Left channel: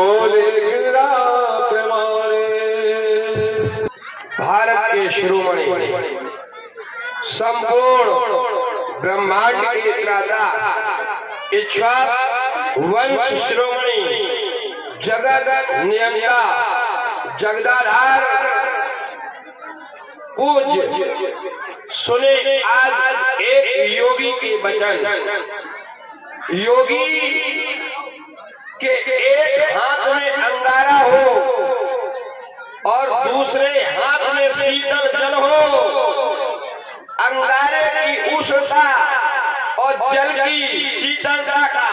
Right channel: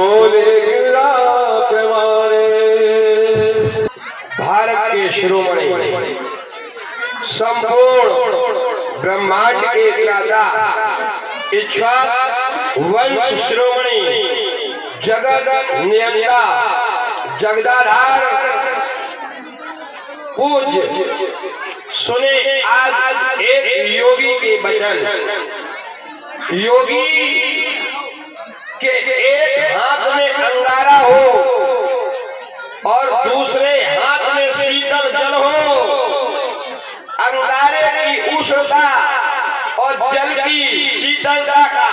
बोले गिरा प्रेमारे। भारत के शिरोमणि संपूर्ण ब्रह्मांड के त्राता इच्छा वंश शिरोमणि जगत नियंता जगदाधार पूज्य सुने आज एक योगी के वचन। योगी के एक हाथ में अंगारा हो और दूसरे हाथ में शीतल जल हो। अंगारे की उष्णता और जल की शीतलता का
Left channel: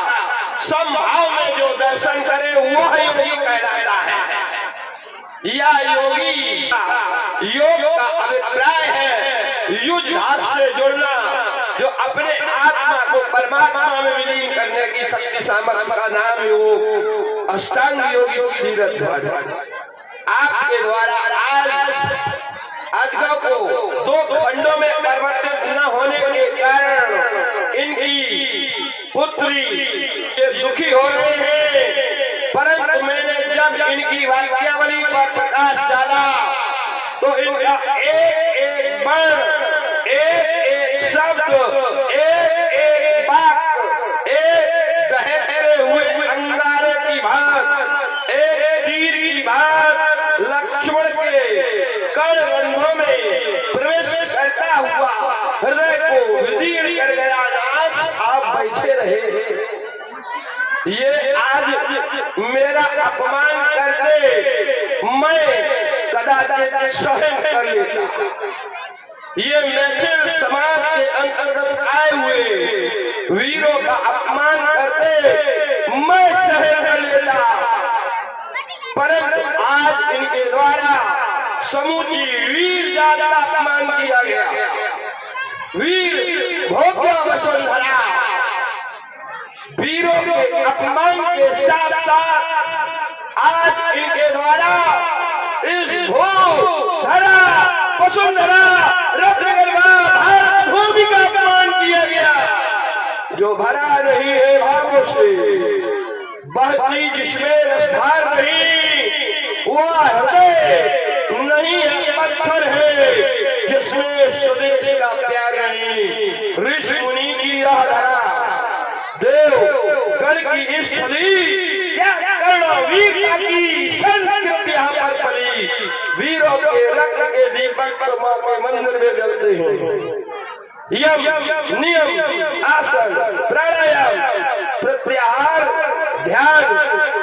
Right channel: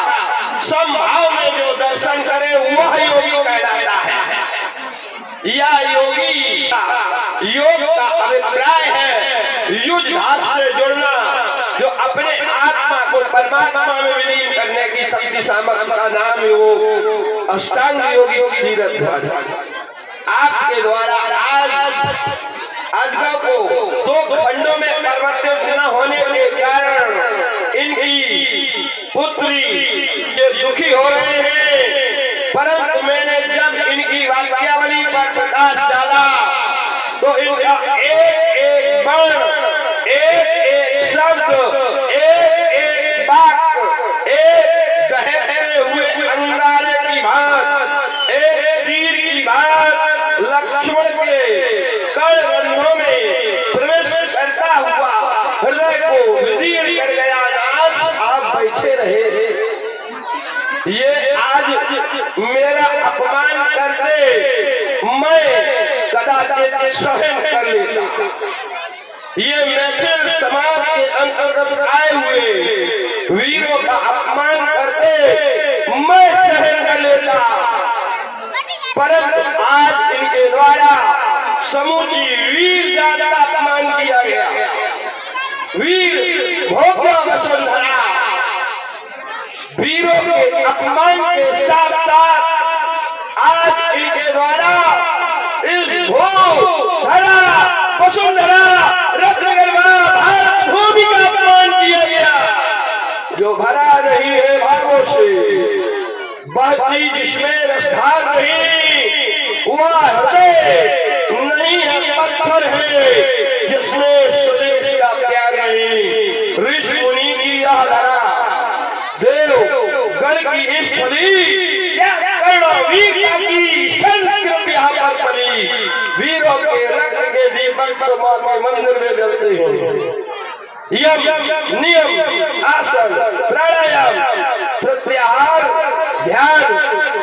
समभाव में जो दर्शन करे वह योगी कहलाता है। यह योगी योग का अभिप्राय है युद्ध से जुड़ना, जो अपने आत्मा को परमात्मा में विलीन करने की शक्ति सामर्थ्य का नाम योग अष्टांग योगी सीरत ध्वज। आपके द्वारा आज को दो खंडों में परिवर्तित न होने के कारण इनकी पुत्री ये दुखी हो रहे हैं, परंतु मैंने जब इनकी वाक्यावली पर प्रकाश डाला तो इनका एक एक वर्ण, एक एक शब्द, एक एक वाक्य, एक दहकते हुए अंगारे की भांति, एक तीर की भांति लक्ष्मण के कर्णबंधों में प्रवेश करता हुआ हृदय को विदीर्ण कर गया। आज आप बैठे रहे, ये आज मेरा अपमान करते मैं कदाचित सहन कर लेता। ये मैथिल समाज के अंतर्गत आए हुए वीरों का अपमान करते मैं सहन कर लेता, परंतु आज इनके द्वारा समूची वीर जात का अपमान किया गया। वीर भोग्य वसुंधरा वीरों के अपमान के साथ साथ आज इनके द्वारा इस भू धरा वसुंधरा रत्नगर्भा भारत भूमि का अपमान किया गया, जो भरा नहीं है भावों से, बहती जिसमें रसधार नहीं, वह हृदय नहीं है पत्थर है जिसमें स्वदेश का प्यार नहीं। ऋषि मुनि की यह धरा देव गढ़ की स्थली वीर की संस्कृति यहाँ पर पली। वीरों के रक्त के दीपक तो मंदिर में जलते हैं। यम नियम आसन प्राणायाम प्रत्याहार ध्यान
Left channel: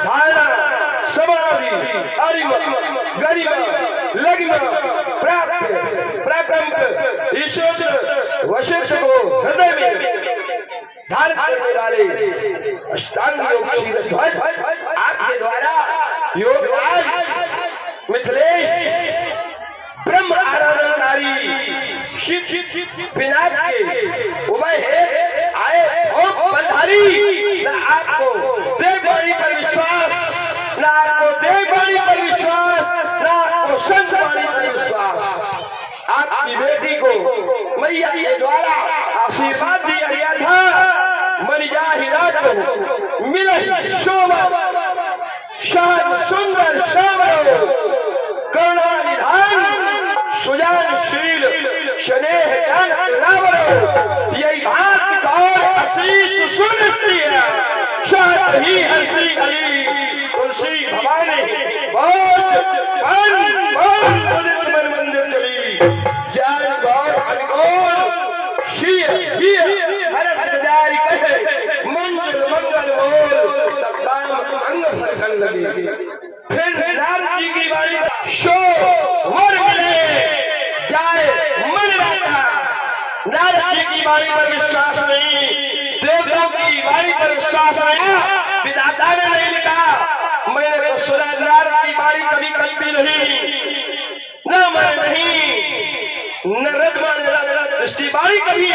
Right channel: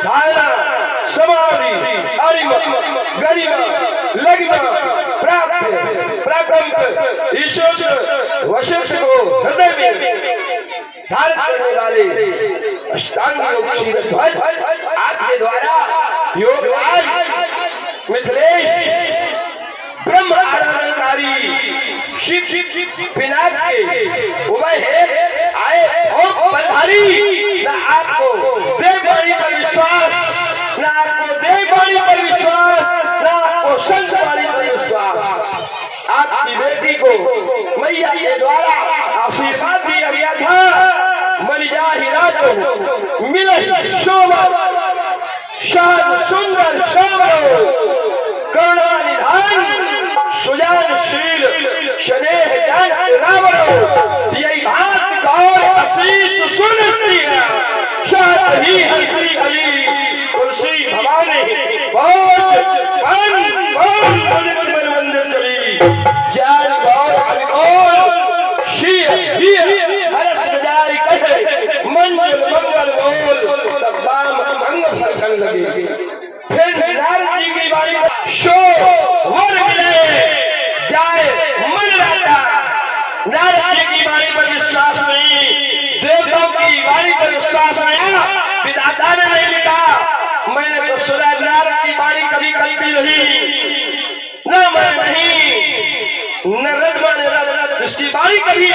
धारणा समाधि अरिमा गरिमा लग्न प्राप्त प्राकंप ईश्वर वशिष्ठ को हृदय में धारण करने वाले अष्टांग योग सीरत ध्वज आपके द्वारा योग आज मिथिलेश ब्रह्म आराधनकारी शिव पिनाक के उभय है आए और बधारी। न आपको देववाणी पर विश्वास, न आपको देववाणी पर विश्वास, न आपको संतवाणी पर विश्वास। आपकी बेटी को मैया के द्वारा आशीर्वाद दिया गया था, मरिया हीरा को मिले शोभा शान सुंदर शोभा करुणा निधान सुजानशील स्नेह जान रावण। यही बात गौर आशीष सुनती है शायद ही हंसी अली तुलसी भवानी बहुत मंदिर चली जान गौर अनगोल शील हरस बजाई कहे मंगल मंगल बोल तब दाम मंगल लगन लगी। फिर नारद जी की बाणी शो वर मिले जाए मन राजा। नारद जी की बाणी पर विश्वास नहीं, देवताओं की बाणी पर विश्वास नहीं। विधाता ने नहीं लिखा, मैंने तो सुना नारद की बाणी कभी कल्पी नहीं, न मैं नहीं न रद माने रद, इसकी बाणी कभी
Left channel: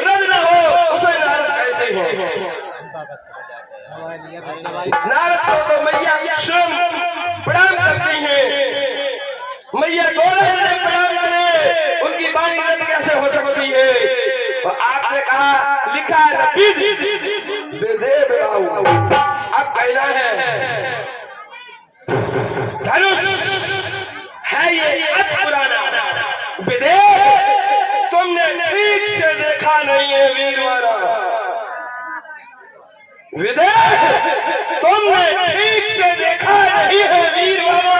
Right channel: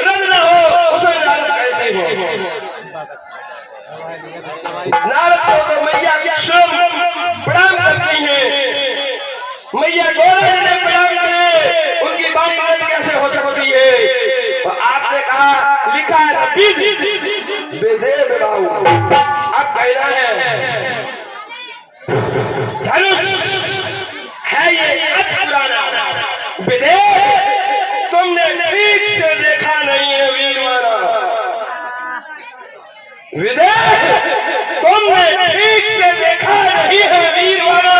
रद न हो उसे नारद कहते हैं। नारद को तो मैया स्वयं प्रणाम करती है, मैया गौरा जी ने प्रणाम करे, उनकी बाणी रद कैसे हो सकती है। और आपने कहा लिखा है अब कहना है धनुष है ये अति पुराना, विदेह तुमने ठीक से देखा नहीं है वीरवाना, विदेह तुमने ठीक से देखा नहीं है वीरवाना।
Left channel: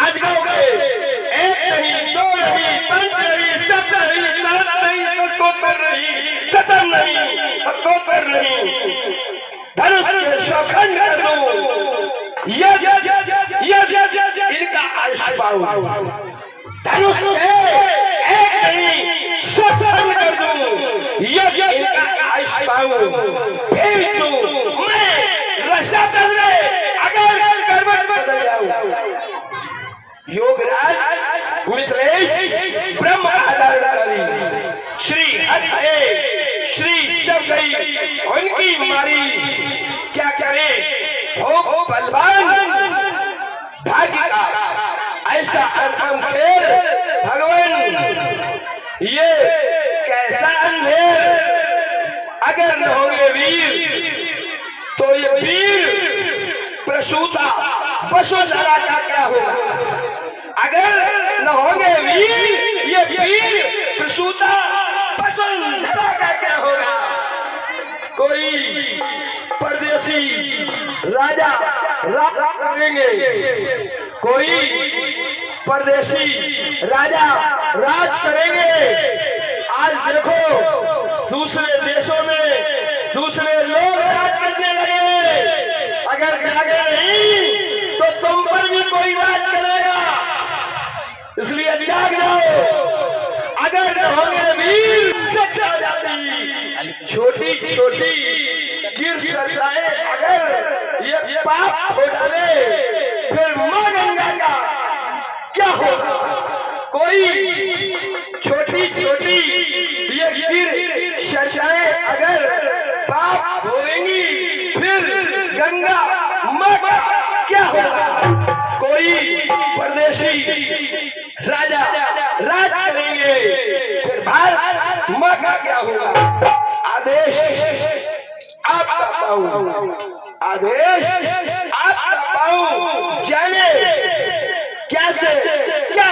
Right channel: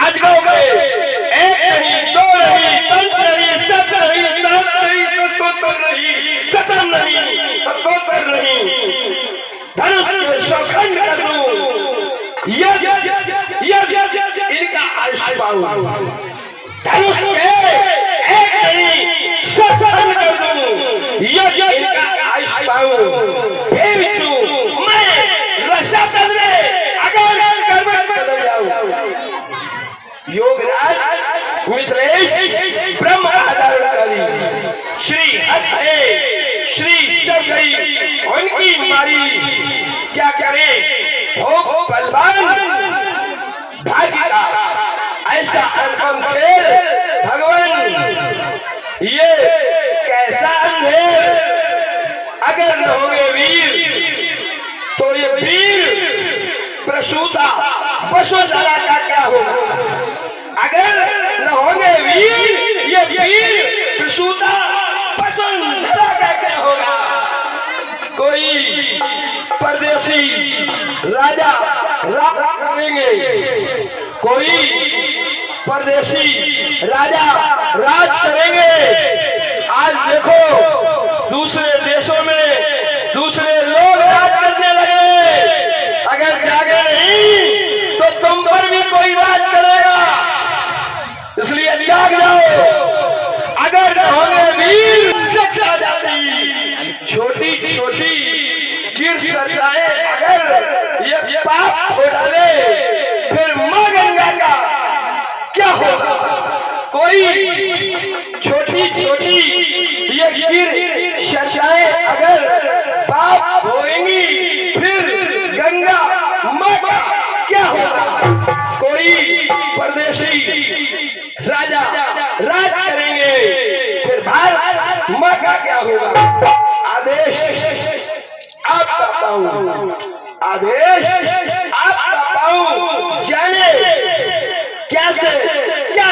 अजगों के एक नहीं, दो नहीं, पंच नहीं, सत नहीं, सात नहीं, सतोत्तर नहीं, शतम नहीं, सतोत्तर नहीं, धनुष के शौखंड कर दूं, इनका आयुष्य पाऊं, धनुष के एक नहीं, शौखंड कर दूं, इनका आयुष्य पाऊं, फिर तू मैं रसातल में अगर करवट बदल जाऊं। योगराज मिथिलेश ब्रह्म आधारकारी श्री हरि श्री शबरी उनकी मारी क्या करे हो बलवान भाग्य का ऐसा अनुपम खेल भगवान, ये कैसा अंधेर अगर न होंगे वीर तो ये वीर प्रसूता वसुंधरा का क्या होगा। अगर न होंगे वीर ये वीर प्रसूता वसुंधरा का क्या होगा। कोई परदेसी राजा राज करेंगे, कोई परदेसी राजा राज करेंगे। आज देखो दूसरे देशों में दूसरे लोग राज करने लगे, अगर जागे नहीं तो तुम पर भी कोई राज करेगा, इसलिए जाग जाओ। अगर न होंगे वीर सच्चा जाती छोटी छोटी गिर सजाए, अगर ये पाप हो डाले फिर मां गंगा का क्या होगा। कोई छोटी छोटी ये गिर सजाए अगर पाप होएंगी फिर गंगा मां का क्या होगा। कोई परदेसी राजा राज करेंगे फिर भारत मां का क्या होगा। आदेश आपका पाऊं, आदेश आपका पाऊं, जाने कैसे क्या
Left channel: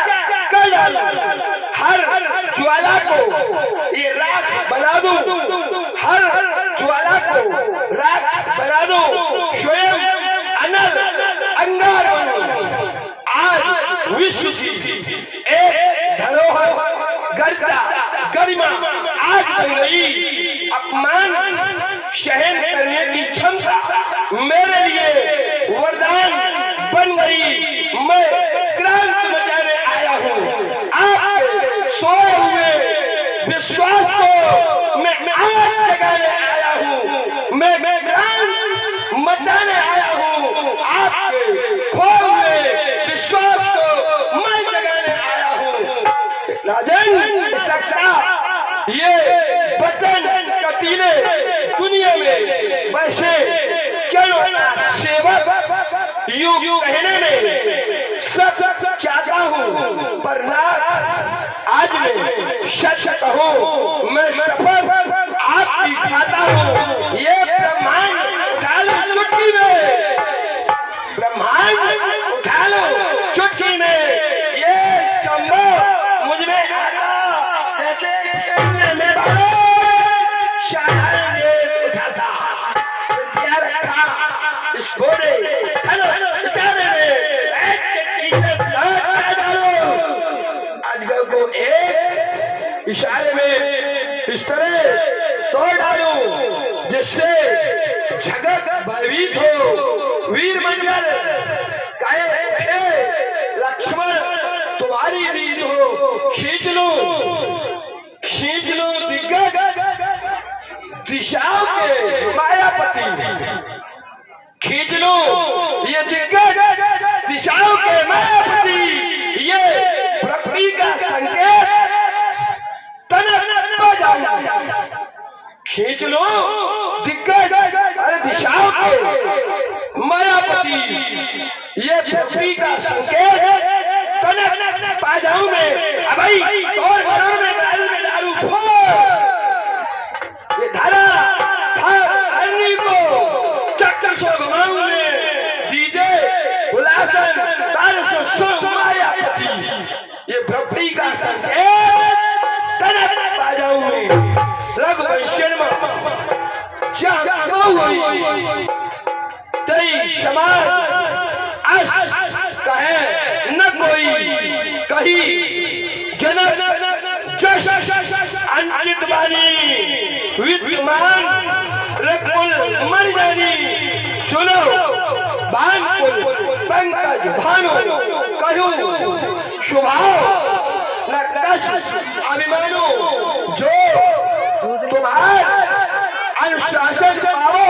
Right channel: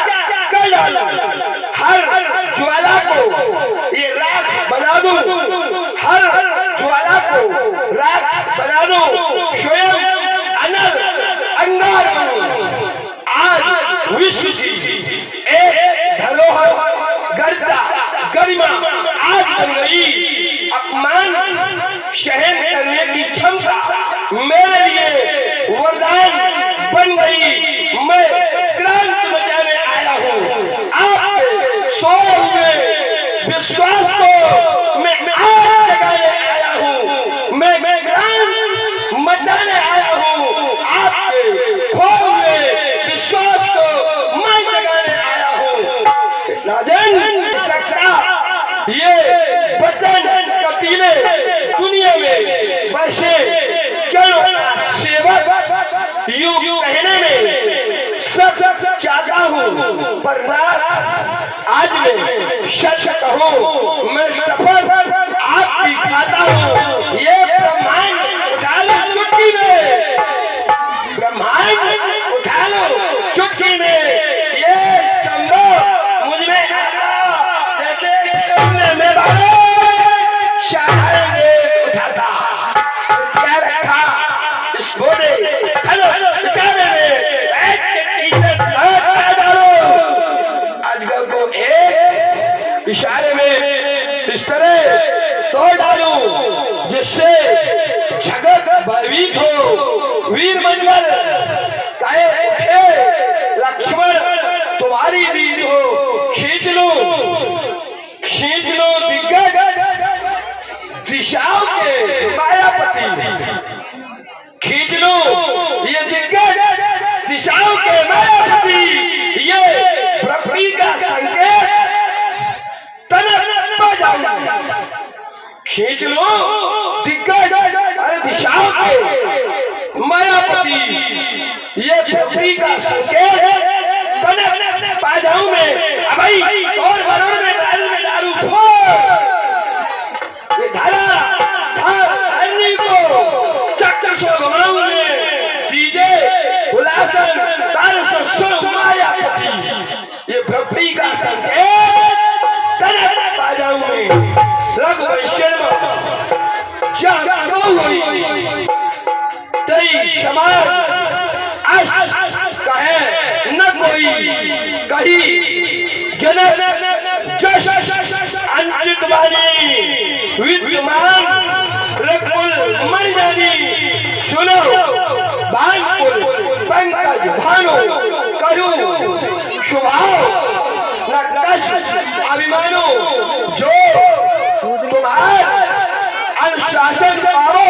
कर डालूं। हर ज्वाला को ये राख बना दूं, हर ज्वाला को राख बना दूं, स्वयं अनल अंगार बनूं। आज विश्व की एक धरोहर गर्दा गरिमा आज बन गई, अपमान सहन करने की क्षमता मेरे लिए वरदान बन गई। मैं क्रांति मचाने आया हूँ, आपके सोए हुए विश्वास को मैं आज जगाने आया हूँ। मैं क्रांति मचाने आया हूँ, आपके खोए हुए विश्वास को मैं जगाने आया हूँ। राजन सकता ये वचन कटीले दुनिया में वैसे चलो सेवक यूं कहने में सब चाहता हूँ, पर ना आज मैं सच कहूँ मैं सफर आपकी खाता हूँ। ये ब्रह्मांड उठा लो चुटकी में, ब्रह्मांड उठा लो चुटकी में, ये संभव मुझ में आता जैसे मैं शाहर ने उठाता क्या रखा इस बोले बेचारे अजगर को एक इशारे में इस तरह तोड़ डालूं जिससे जगत भयभीत हो। वीर मंडल कहे उठे लक्ष्मण तुम्हारी दीद हो, खींच लो दिग्गज दिशाओं के मायापति, खींच लो ये दिग्गज दिशाओं के मायापति, ये प्रकृति का संकेत तनक बजाऊंगा। खींच लो दिग्गज अरे दिशाओं के मायापति, ये प्रकृति का संकेत तनक बजाऊं मैं। अब भाई और वरुण में दारू फोड़, ये धारा धरनी को चक्कर सो घुमाऊं मैं, दीजे रघुवंशम तेरी समाज अस कहे न कोई कही जनक जश अंचित वाणी विद्यमान रकुल मर जानी सुनो भानपुल पंकज भानो कहू शुभाओ न कश अभिमानो जो तुम्हारे अनुशासन पाओ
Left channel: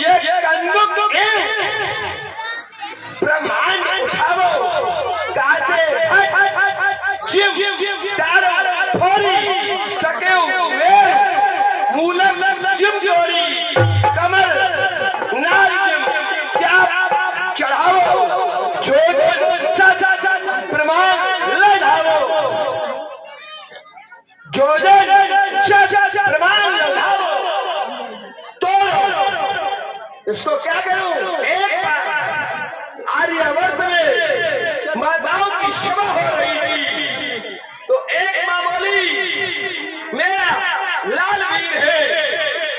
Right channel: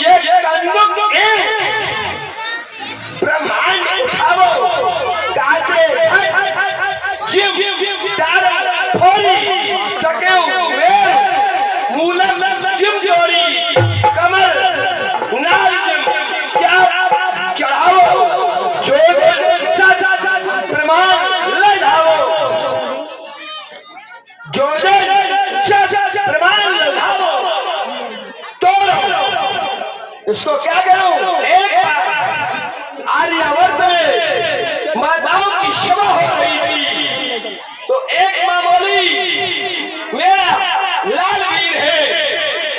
ये कंदुक ब्रह्मांड उठावो काचे शिव तारा फोरी सके मेर मूलम जिम जोड़ी कमर नारियम क्या चढ़ावो जो सच प्रमाण लड़ावो जो सच प्रमाण लड़ावो इसको क्या करूं? एक आर्यावर्त में माताओं की सभा हो रही थी तो एक मां बोली मेरा लाल वीर है।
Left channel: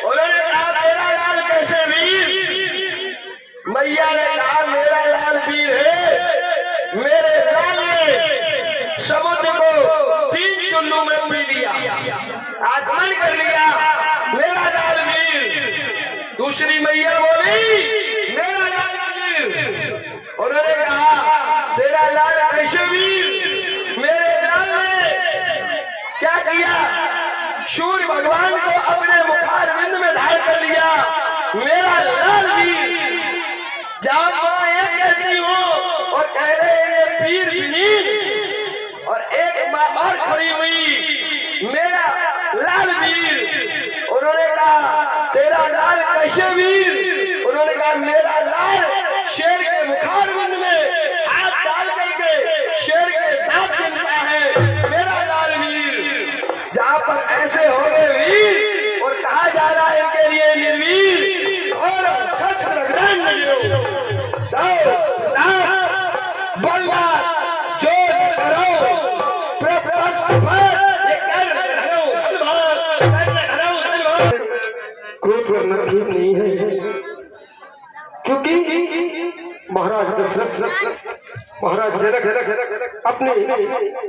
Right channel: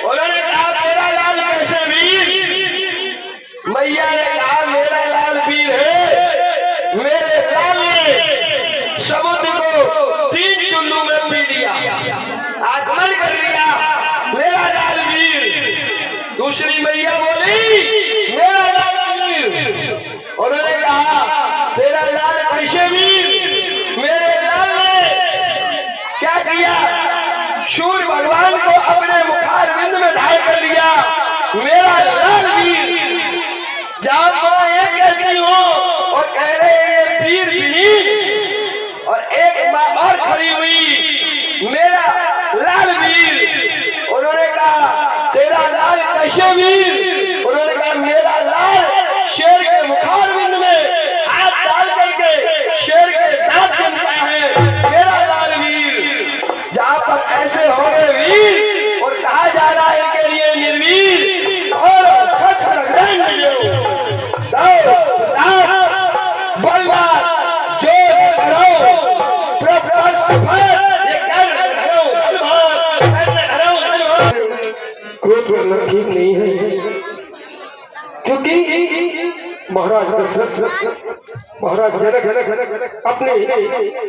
उन्होंने कहा तेरा लाल कैसे वीर? मैया ने कहा मेरा लाल वीर है, मेरे लाल ने समुद्र को 3 चुल्लू में पी लिया, आत्मन कर लिया, मेरा लाल वीर। दूसरी मैया बोली मेरा लाल वीर। उन्होंने कहा तेरा लाल कैसे वीर? मेरे लाल ने क्या किया? सूर्य भगवान को अपने मुखारविंद में धारण कर लिया, मेरा लाल वीर। जब मां ये कहती हूँ और कह रहे ये वीर वीर, और एक मां और खड़ी हुई मेरा लाल वीर। उन्होंने कहा तेरा लाल कैसे वीर? उन्होंने कहा मेरा लाल शेर के मुखारविंद में हाथ डाल करके शेर के दांत गिनता है, मेरा लाल वीर। जहां पर ऐसे हो गए वीर और कहा जा रहा है इनके लिए निर्वीर और क्रोध करना ठीक नहीं है, क्योंकि महाराज दशरथ महाराज जनक अपने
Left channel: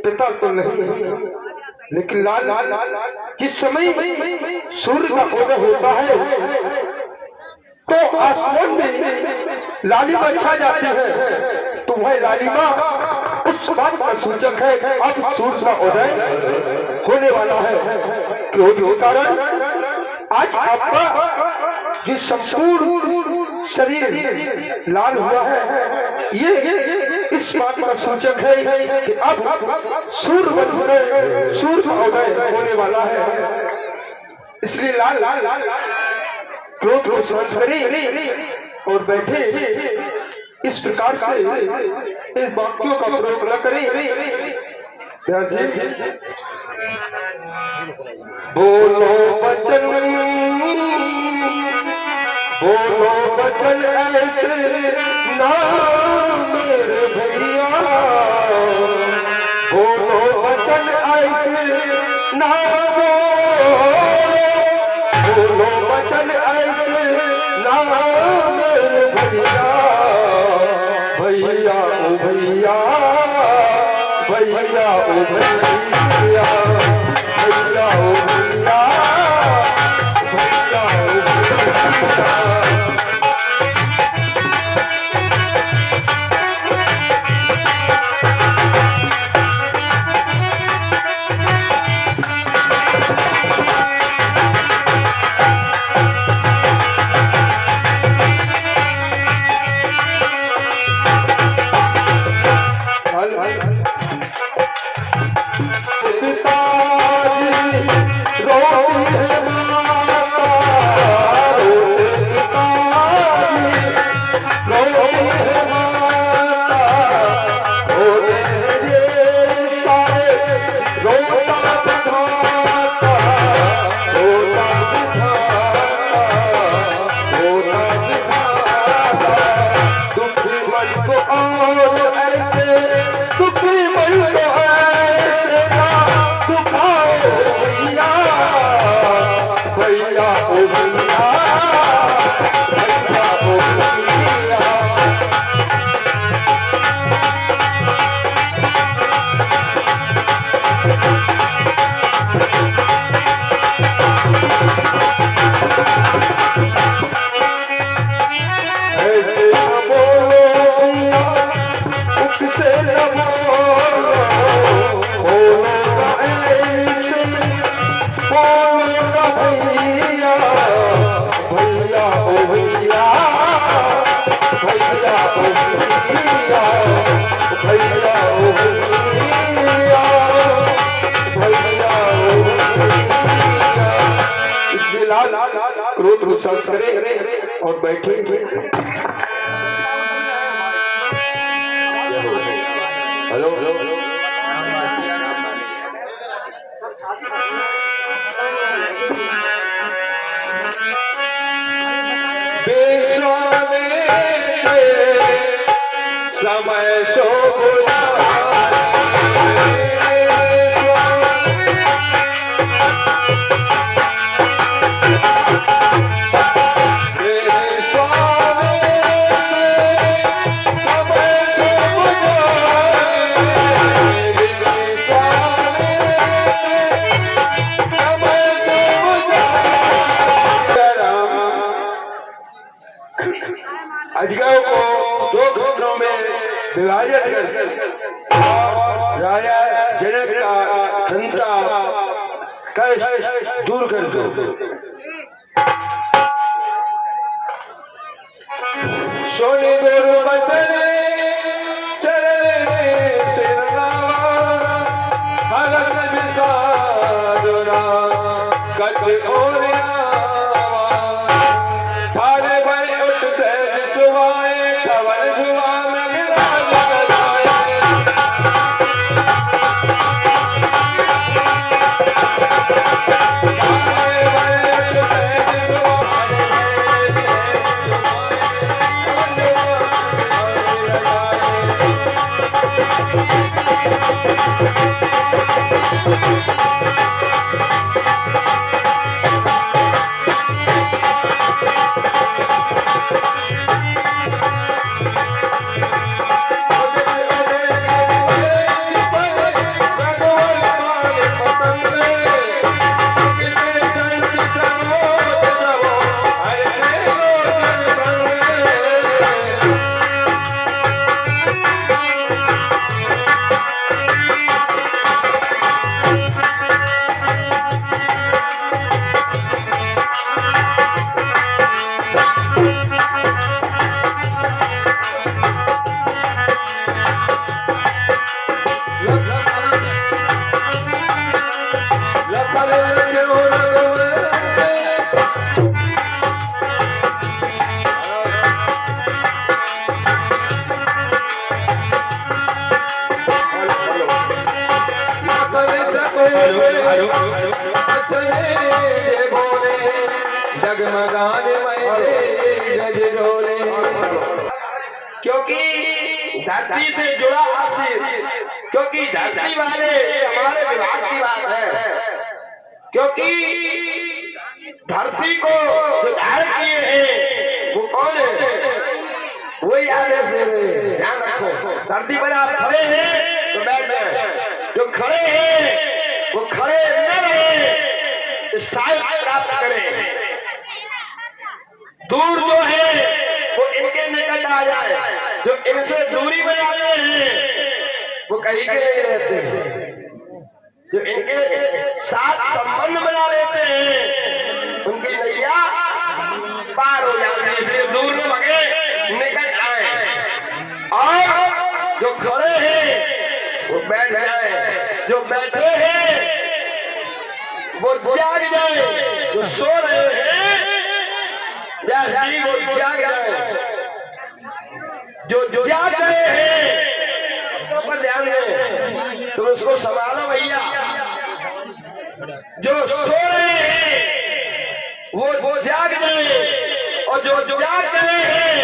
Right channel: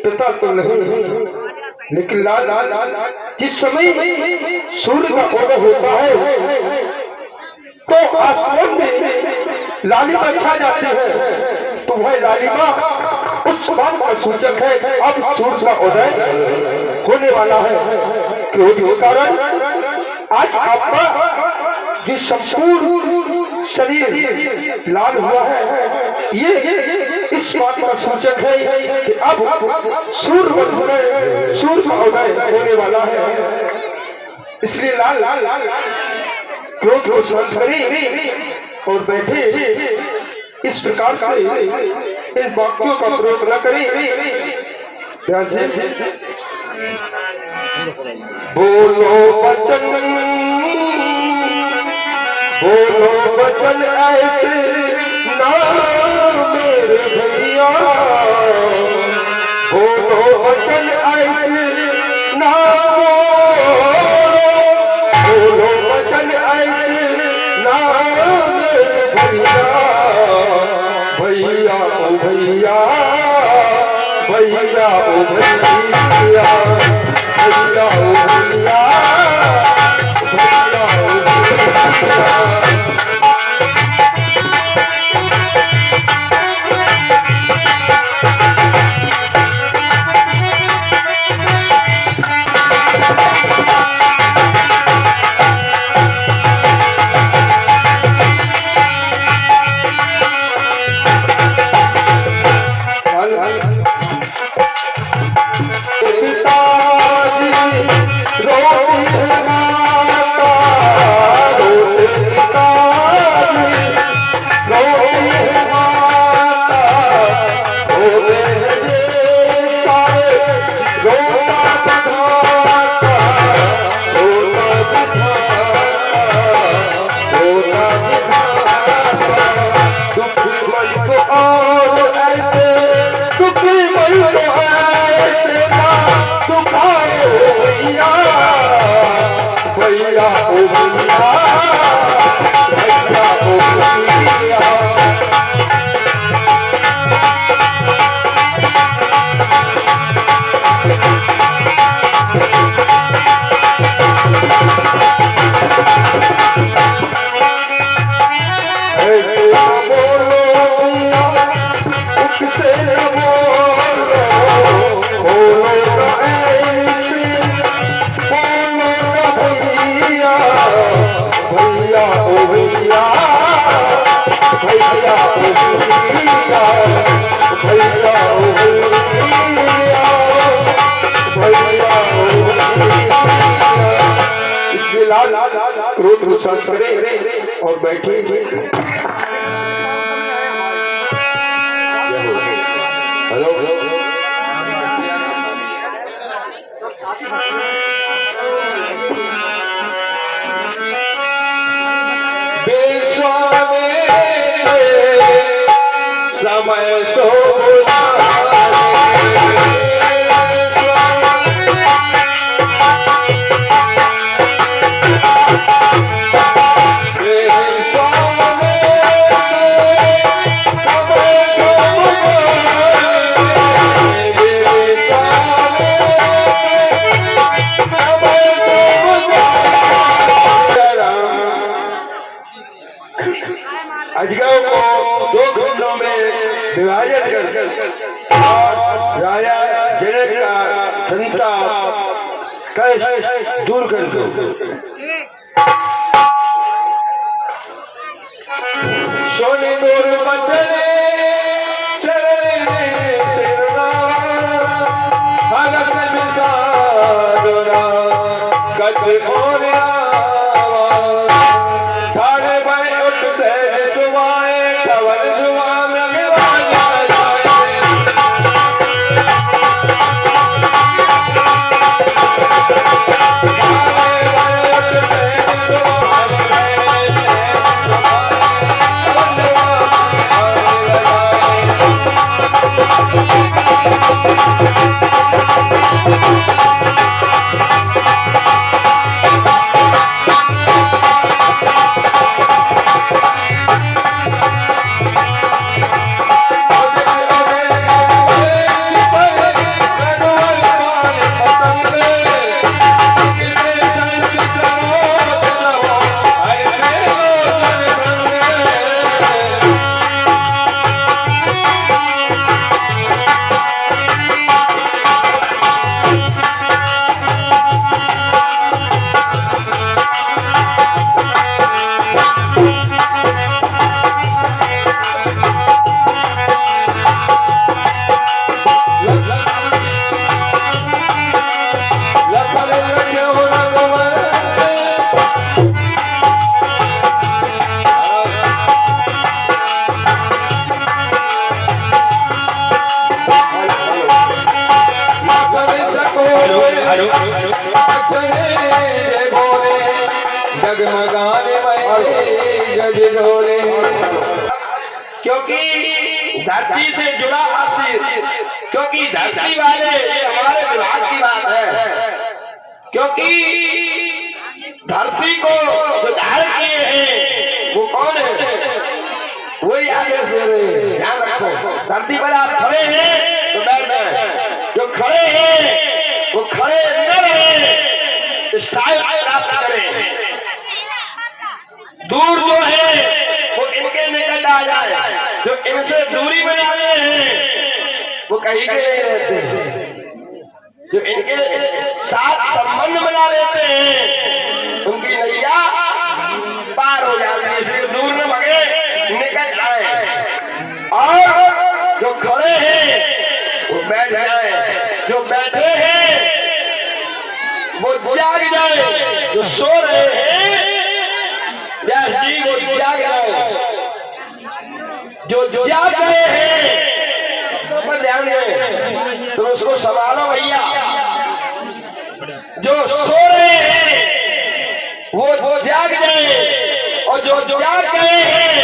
पिता तो नहीं, लेकिन लाल जिस समय सूर्य का उदय होता है तो आसमान में लालिमा छा जाती है, तो वह लालिमा उस बात का सूचक है अब सूर्य का उदय होने वाला है। क्रोध के कारण आज आपका जो संपूर्ण शरीर लाल हुआ है, ये इस बात का सूचक है कि अब सूर्य वंश में सूर्य का उदय होने वाला है। इसलिए लाल क्रोध को शांत करें और बैठे इस प्रकार से इन वाक्यों का प्रयोग न करें। बोलो वचन ऐसे ना मेरे भैया, बोलो वचन ऐसे ना, बोलो वचन ऐसे ना मेरे भैया, भैया ओ भैया, भैया ओ भैया, भैया ओ भैया, भैया ओ भैया। भैया ओ भैया भैया ओ भैया। ऐसे न बोलो भैया उससे न बोलो न ऐसे बोलो न भैया भैया ओ भैया भैया ओ भैया भैया ओ भैया भैया ओ भैया। इसलिए लाल क्रोध को शांत करें और बैठे। हेलो बेस्वामी समय सो अजगर को दो घुटनों में विभाजित कर राजा जनक का चिंता कष्ट दूर कर दो। सोने दूर बचने चलने सिरनावा भगत निसादुरा कच ओरिया भाड़े भाई उठ सहज सुवाए खबर जुआ जगमगाने क्योंकि धरती से जुड़ा आशीष, क्योंकि धरती वाले हमारे विभाग की बात है, क्योंकि धरती को जो धारण किए हैं वो कौन है, वही आदेश दे रहे हैं। ध्यान रखो, धरती पर आप खड़े हैं तो बैठ जाए, जो खड़े हैं वो खड़े न रहे, स्थायी प्राप्त करें। दूर जो है वो इनके निकट आ जाए, जो इनसे दूरी बनाते हैं वो कहीं के नहीं रहते, जो इनके साथ संबंध बना लेते हैं उनकी नैया पार हो जाती है। इसलिए दूर न भगे, निकट आए, और जो खड़े हैं वो बैठ जाए, जो बैठे हैं वो जाग जाए, जो सो रहे हैं जी वो जाग जाए, जो जाग गए हैं शब्दों पर ध्यान दें तो उसको संभालो भैया। जो सो रहे हैं वो जाग जाए, और जो जाग गए हैं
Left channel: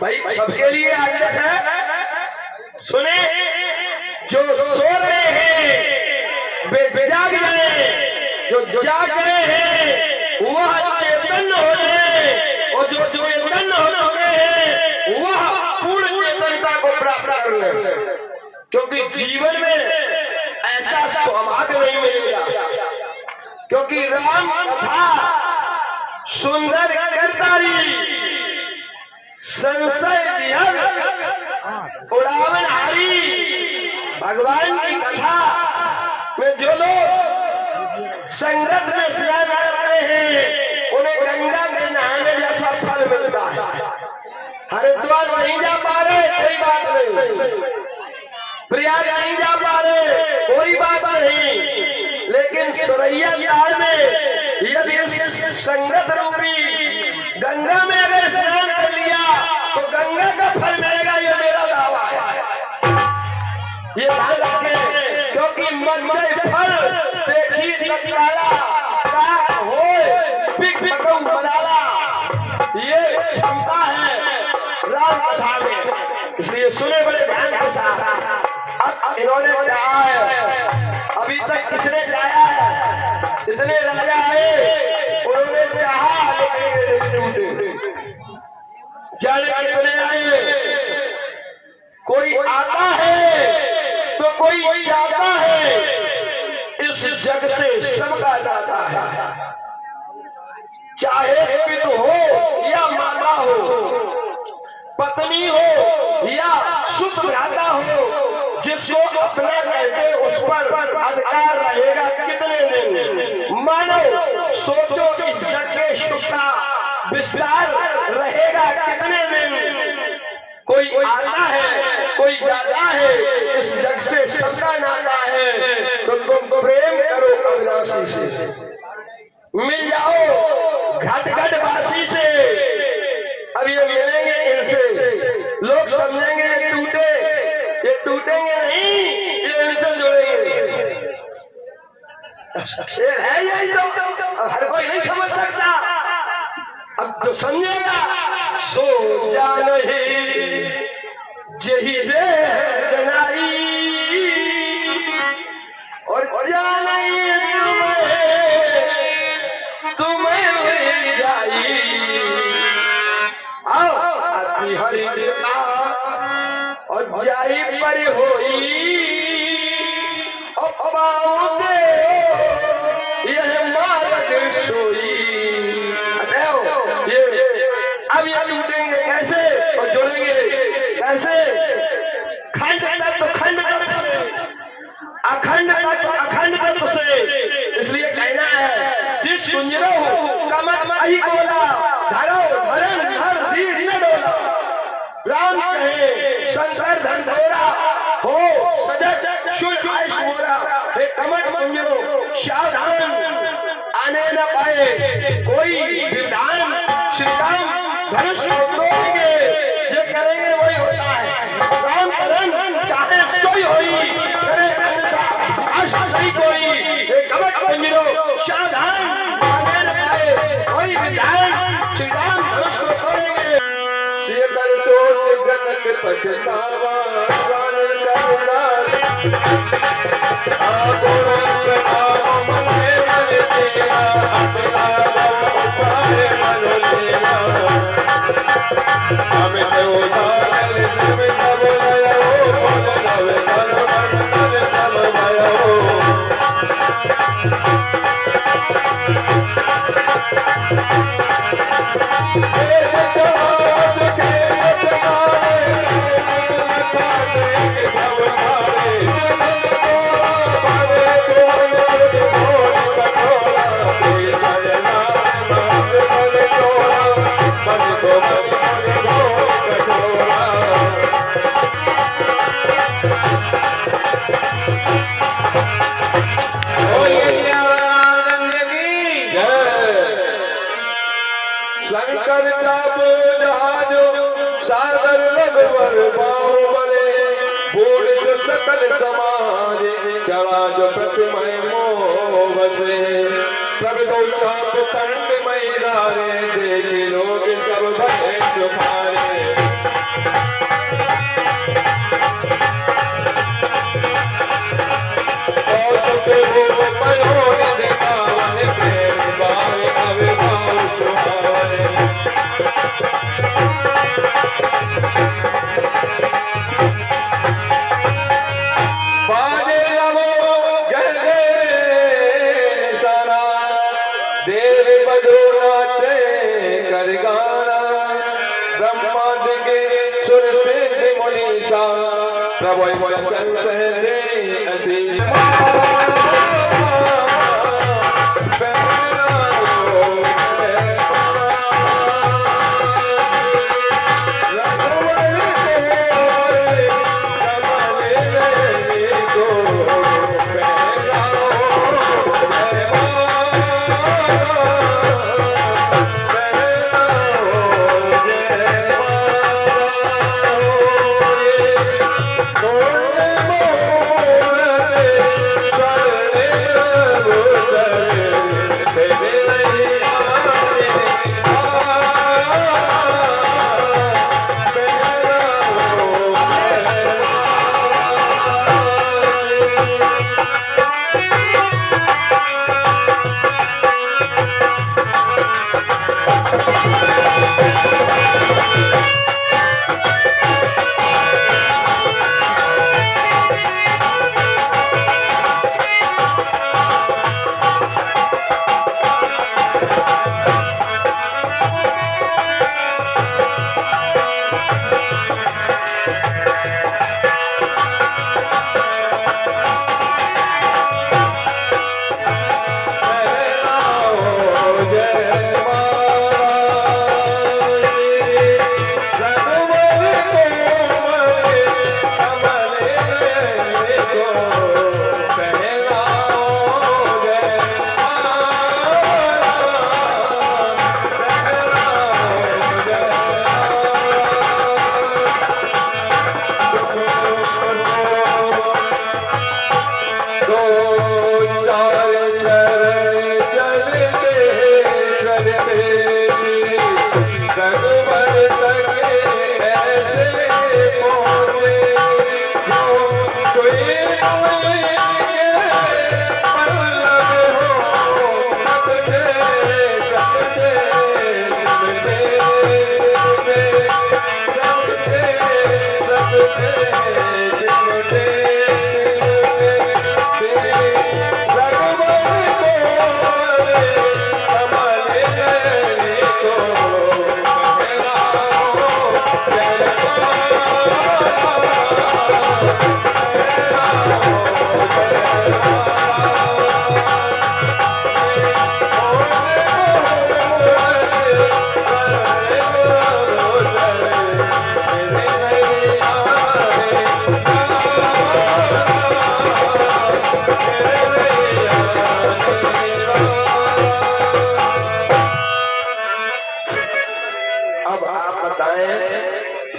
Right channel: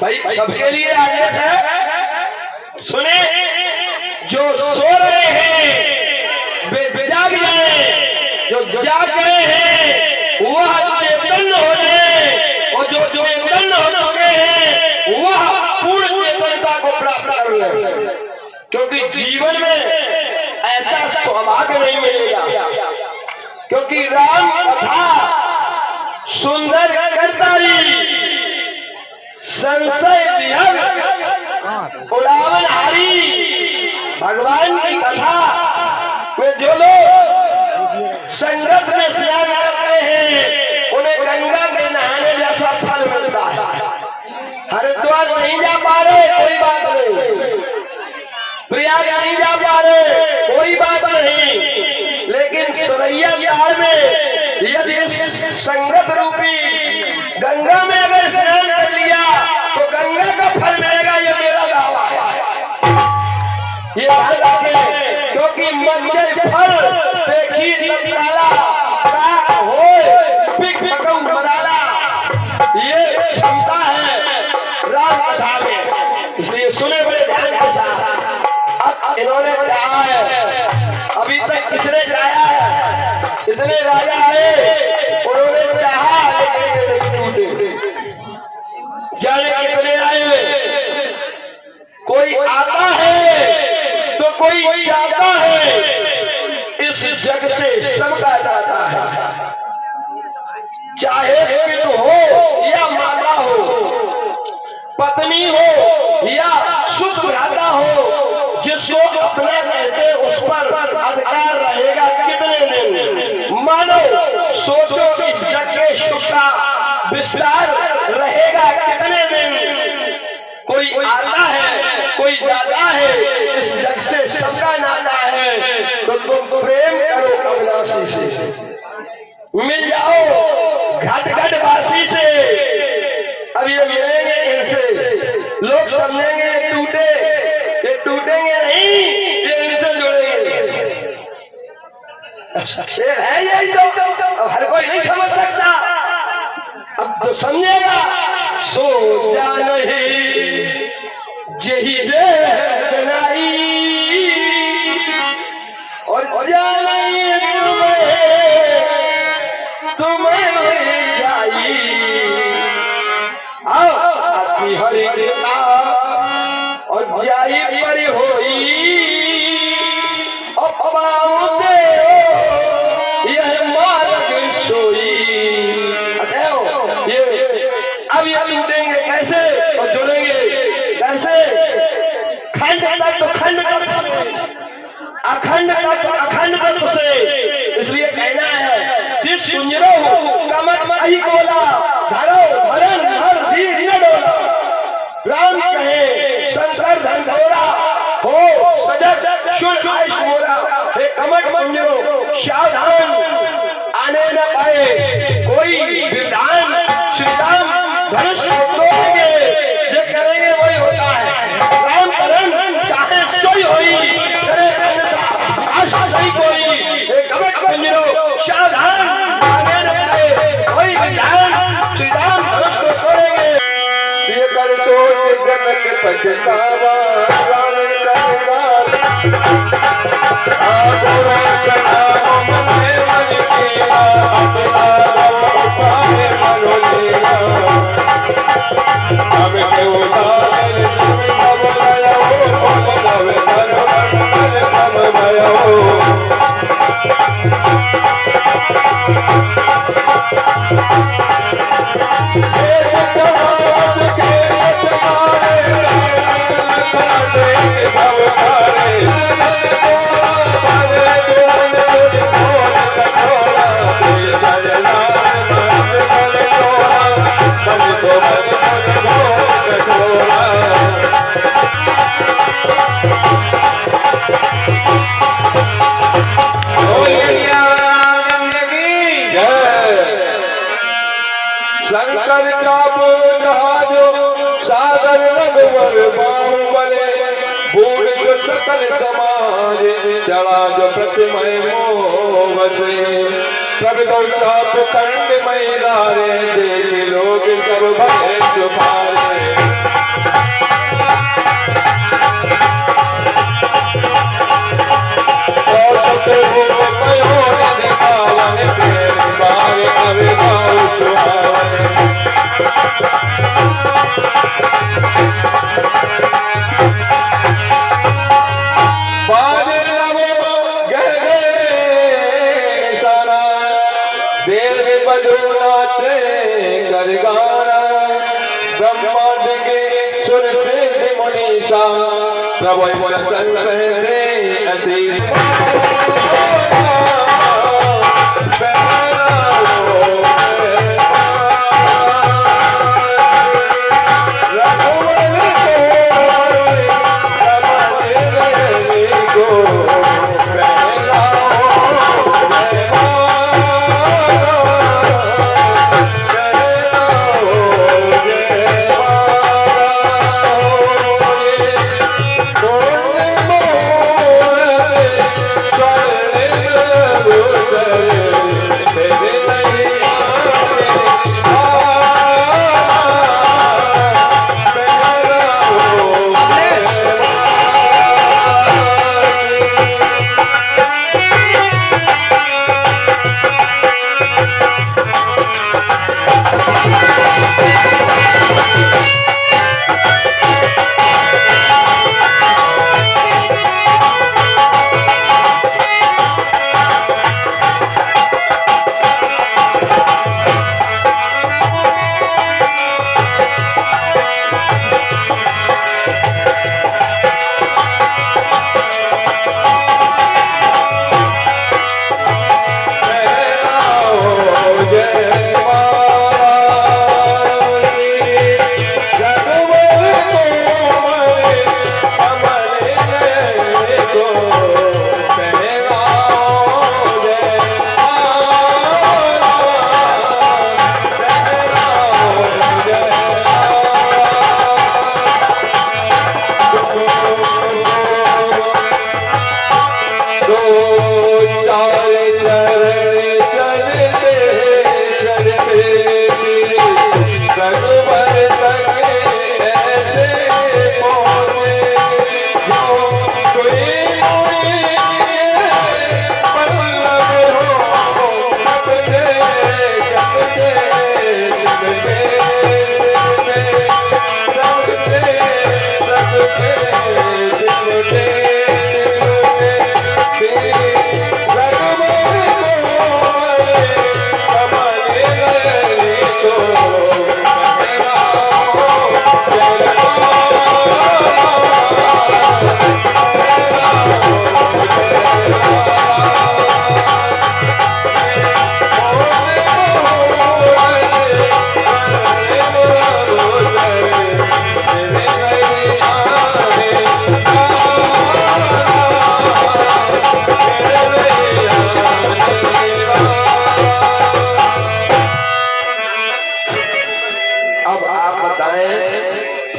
भाई सबके लिए आदेश है, सुने, जो सो रहे हैं वे जाग जाए, जो जाग गए हैं वह चेतन हो जाए, और जो चेतन हो चुके हैं वह पूर्ण चेतनता को प्राप्त कर ले। क्योंकि जीवन में ऐसा सौभाग्य नहीं मिलेगा, क्योंकि राम कथा सुंदर करतारी संशय विहग उड़ावन हारी भगवान की कथा में जो लोग संगत में स्नान करते हैं उन्हें गंगा के नहाने जैसा फल मिलता है। हरिद्वार नहीं जा पा रहे कोई बात नहीं, प्रयाग नहीं जा पा रहे कोई बात नहीं, लेकिन सरैया ताल में यदि संगत रूपी गंगा में अगर स्नान कर लिया तो गंगा का फल मिलेगा, ये मेरा दावा है। ये ध्यान रखें, क्योंकि मंजर फल देखी तत्काला का होए पिक पकऊ मनाला, ये क्षमता है राम कथा में। इसलिए सुने बड़े ध्यान के साथ। अब इन्होंने कहा है, अभी तक किसने जाया है, इतने राजा आए उन्होंने चाहा लेकिन टूटे, जाने कितने आए, कोई आता है तो कोई जाता है, इस जग से सबका जाता है। चाहे पिता हो या माता हो, पत्नी हो या सुत भ्राता हो, जिसको अपना कहते उस पर अधिकार रहेगा कितने दिन। मानो सोचो इस जग के सुख का विस्तार रहेगा कितने दिन। कोई आता है कोई जाता है, इस जग से सबका नाता है। तो तुम प्रेम करो अविनाशी से, मिल जाओ घट घट वासी से। अब ये मिलेंगे इनसे, लोग समझेंगे ये टूटेंगे नहीं, ये इनसे जुड़ेंगे। शेर है यही तो, अब हर कोई नहीं समझ सकता। अब तो समझेगा सो जा नहीं यही जनाई, और जाना तुम्हें जाई। आओ अति हरि कृपा और जाई पर होई, अब दे यह मार्ग सोई। ये अब ये टूटेंगे कैसे और जुड़ेंगे कैसे? खंड तत्व खंड तत्व से, अखंड तत्व अखंड तत्व से। इसलिए कहना है जिस कुंजरो कमट मही बोला, धरो धरन हर धीर न डोला। राम कहे शंकर धन धोरा, हो सजग शुद्ध आयुष मोरा। हे कमट कुंजरो सावधान, आने न पाए कोई विधान। श्री राम धनुष तोड़ेंगे, जो करेंगे वही होता है। राम करन चाहे सोई होई, करे अन्यथा आशा नहीं कोई। हे कमट कुंजरो सावधान, आने न पाए कोई विधान। श्री राम धनुष को तोड़ेंगे। सिय कर तो जगत पछतावा, शंकर जाबो जहाजो सागर रघुवर बाहुबले, बूढ़ सकल समाज चला जो प्रतिमय मोहवसे। प्रगटो चाप कंड मई दारे, देख लोग सब भय तुम्हारे। और सुख रूप पयोर दिखावन, तेरे बार अवे देव बजो नाचे कर गाना ब्रह्मांड के सुर सिद्ध मुनीषा प्रभु प्रसन्न दे असीस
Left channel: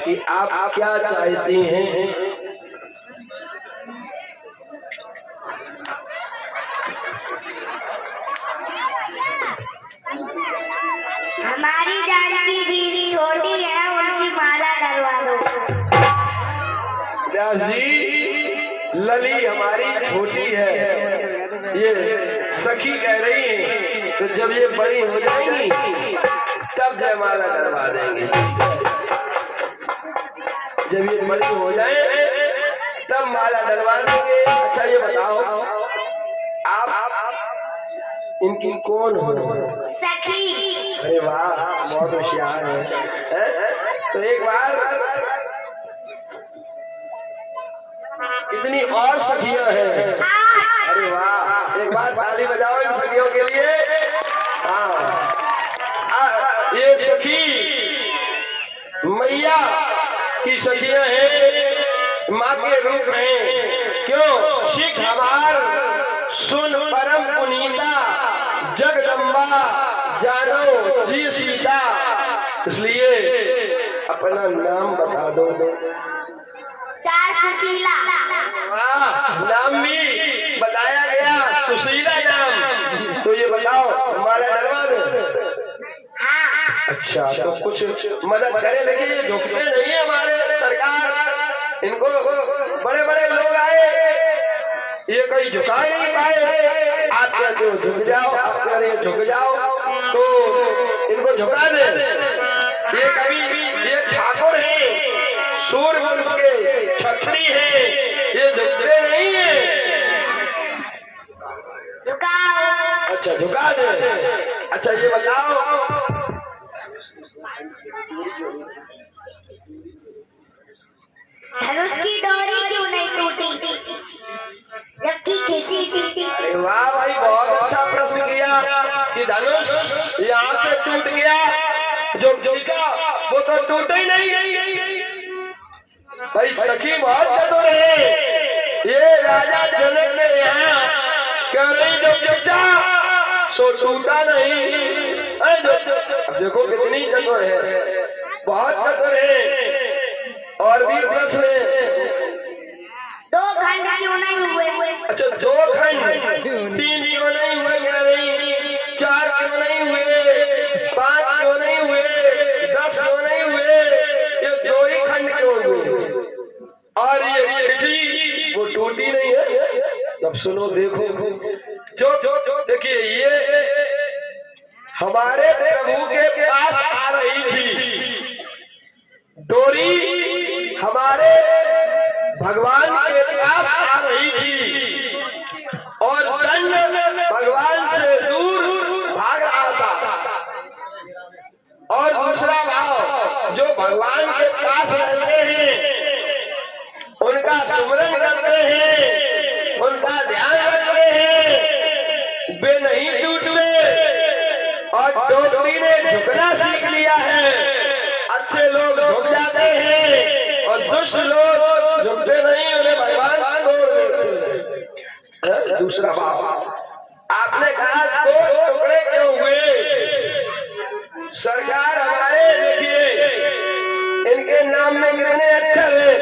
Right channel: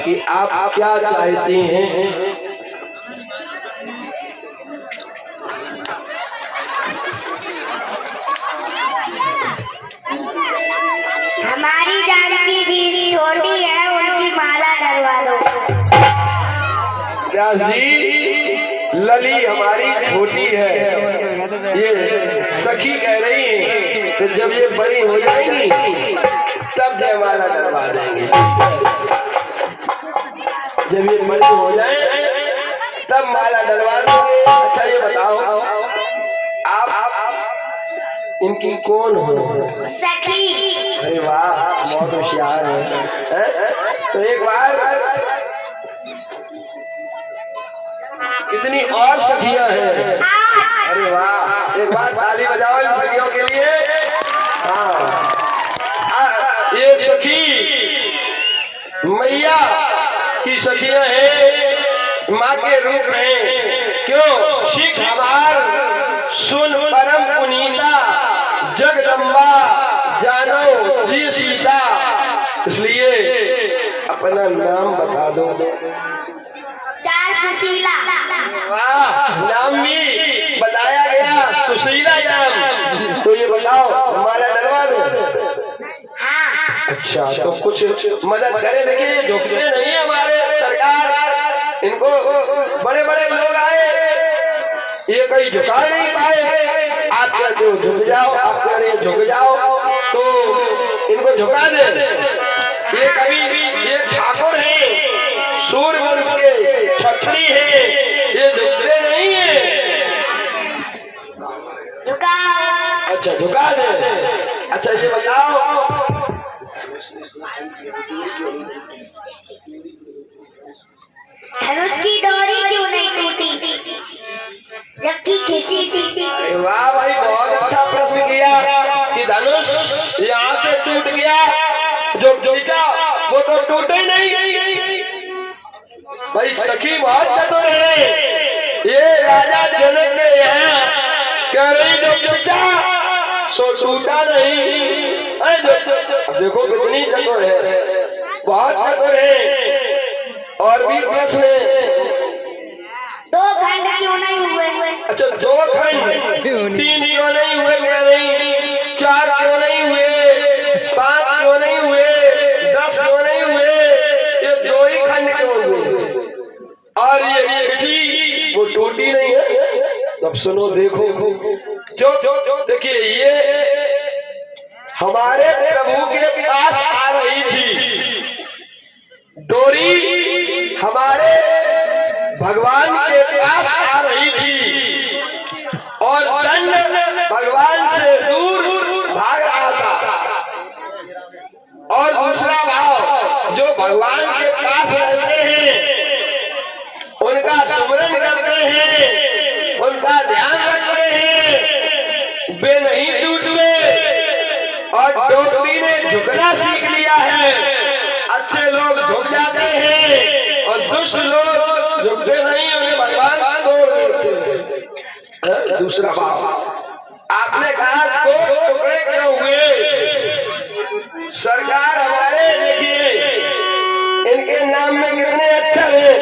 कि आप क्या चाहती हैं? हमारी जानकी दीदी छोटी है, उनकी माला डलवा दो। व्यास जी, लली हमारी छोटी है, ये सखी कह रही है कि जब ये बड़ी हो जाएंगी तब जयमाला डलवा देंगे। जब ये बड़ी हो जाए तब माला डलवा देंगे। अच्छा ये बताओ, आप इनकी कौन हो? सखी। अरे वाह, बहुत होशियार है। तो एक बार कितनी और सखियां हैं? अरे वाह, एक बार ताली बजाओ इन सखियों के लिए। हाँ, ये सखी मैया की सखियां हैं, माँ के रूप में। क्यों? शिख हमार सुन परम पुनीता जगदम्बा जानो जी सीता। इसलिए अपना नाम बता दो। चार सुशीला। वाह, नाम भी बताया गया, सुशीला नाम। तो ये बताओ माला डलवा दे? अच्छा, तो कुछ मदद करे। देखिए झुकते नहीं है हमारे सरकार, इनको बड़े बड़े लोग आए, ये कहीं झुका नहीं पाए। आप कहते हो झुक जाओ, आप कह रहे झुक जाओ, तो इनको झुका दे। ये कभी ये ठाकुर है, सूर्यवंश के क्षत्रिय है, ये झुकते नहीं है। झुका। अच्छा झुका दे। अच्छा ये बताओ, धनुष की डोरी क्यों नहीं टूटी जबकि खिसी थी? अरे वाह भाई, बहुत अच्छा प्रश्न किया कि धनुष यहाँ से टूट गया, जो खींचा वो तो टूटा ही नहीं। भाई सखी बहुत चतुर है, ये राजा जनक के यहाँ कह रही जो खींचा सो टूटा नहीं। अब देखो कितनी चतुर है, बहुत चतुर है। और भी प्रश्न है। दो खंड क्यों नहीं हुए? अच्छा, 2 खंड 3 क्यों नहीं हुए, कह रही 4 क्यों नहीं हुए, 5 क्यों नहीं हुए, 10 क्यों नहीं हुए, ये 2 ही खंड क्यों हुए? और ये खिंची वो टूटी नहीं है। अब सुनो, देखो जो देखिए, ये हमारे प्रभु के पास आ रही थी डोरी, हमारे भगवान के पास आ रही थी और दंड भगवान से दूर भाग रहा था। और दूसरा भाव, जो भगवान के पास रहते हैं, उनका सुमरन करते हैं, उनका ध्यान रखते हैं, वे नहीं टूटते। और डोरी ने झुकना सीख लिया है। अच्छे लोग झुक जाते हैं और दुष्ट लोग झुकते नहीं, उन्हें भगवान तोड़ देते हैं। दूसरा बात, आपने कहा 2 टुकड़े क्यों हुए? सरकार हमारे देखिए, इनके नाम में कितने अक्षर हैं?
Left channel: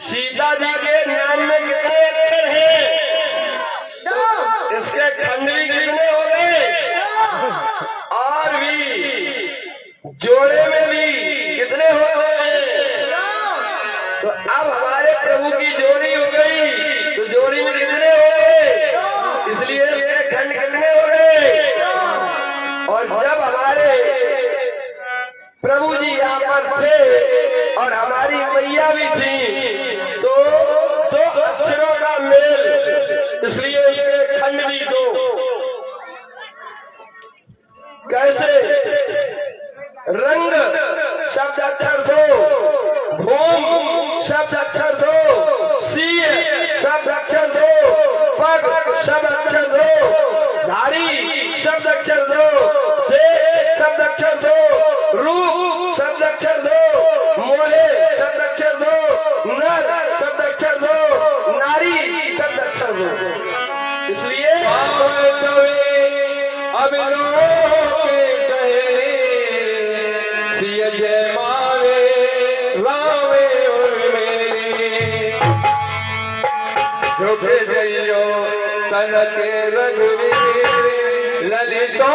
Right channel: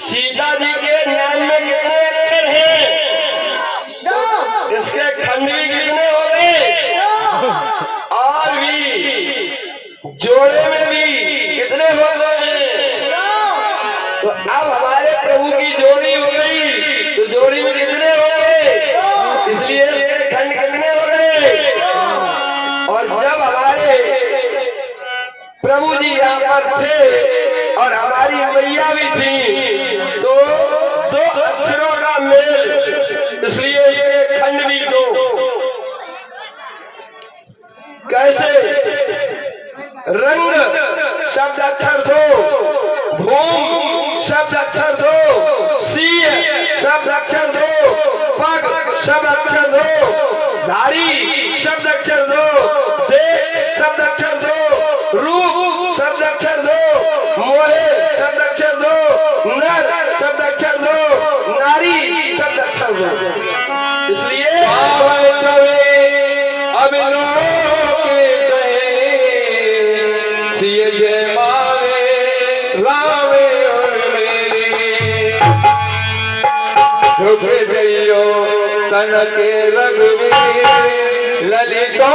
सीता जी के नाम में कितने अक्षर हैं? इसके खंड भी कितने हो गए? और भी जोड़े में भी कितने हो गए? तो अब हमारे प्रभु की जोड़ी हो गई, तो जोड़ी में कितने हो गए? इसलिए इसके खंड कितने हो गए? और जब हमारे प्रभु जी यहाँ पर थे और हमारी मैया भी थी, तो 2 अक्षरों का मेल, इसलिए इसके खंड भी 2। कैसे? रंग शब्द अक्षर 2, भूम शब्द अक्षर 2, सीय शब्द अक्षर 2, पग शब्द अक्षर 2, धारी शब्द अक्षर 2, देश शब्द अक्षर 2, रूप शब्द अक्षर 2, मोहे शब्द अक्षर 2, नर शब्द अक्षर 2, नारी शब्द अक्षर 2। इसलिए तन के रघुवीर ललितो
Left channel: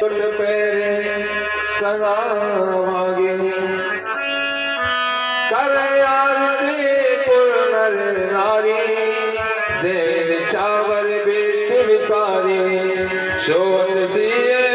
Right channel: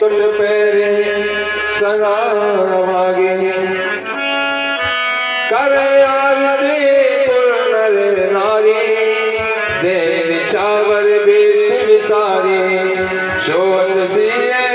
तुल पेरे सगा मागे कर आरती तुर नारी देव चावर बेत विसारी सोत सिए